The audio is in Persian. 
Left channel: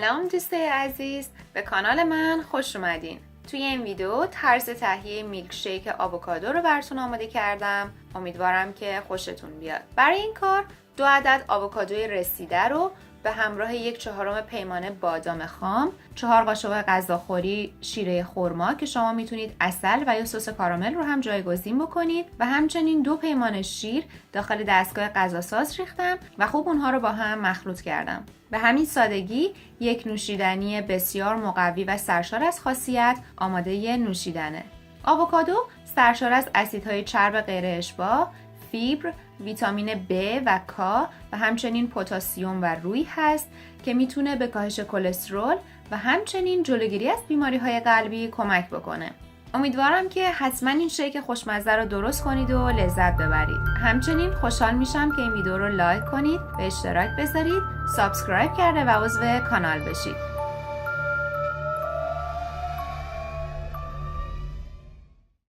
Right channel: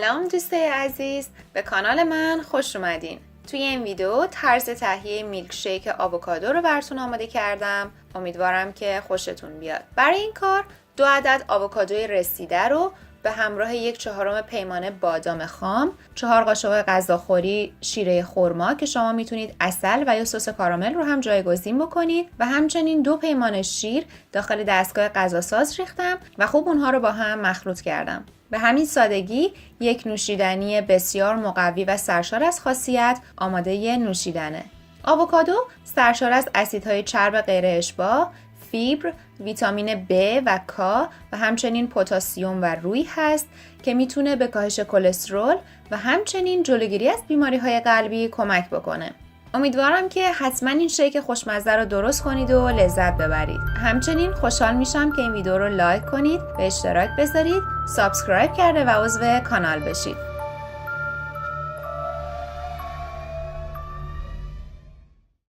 سلام دوستای عزیز، به کانال من خوش اومدین. توی این ویدیو طرز تهیه میلک شیک آووکادو رو براتون آماده کردم. امیدوارم که خوشتون بیاد. برای این کار 2 عدد آووکادوی رسیده رو به همراه 1/4 پیمانه بادام خام، 4 قاشق غذاخوری شیره خرما که شما میتونید عسل و یا سس کارامل رو هم جایگزین بکنید و همچنین 2 پیمانه شیر داخل دستگاه غذاساز ریختم و خوب اونها رو با هم مخلوط کردم. به همین سادگی یک نوشیدنی بسیار مقوی و سرشار از خاصیت آماده نوشیدنه. آووکادو سرشار از اسیدهای چرب غیر اشباع، فیبر، ویتامین B و K و همچنین پتاسیم و روی هست که میتونه به کاهش کلسترول و همچنین جلوگیری از بیماری‌های قلبی کمک بکنه. امیدوارم که حتما این شیک خوشمزه رو درست کنید و لذت ببرید. همچنین خوشحال میشم که این ویدیو رو لایک کنید و اشتراک بذارید، سابسکرایب کرده و عضو کانال بشید.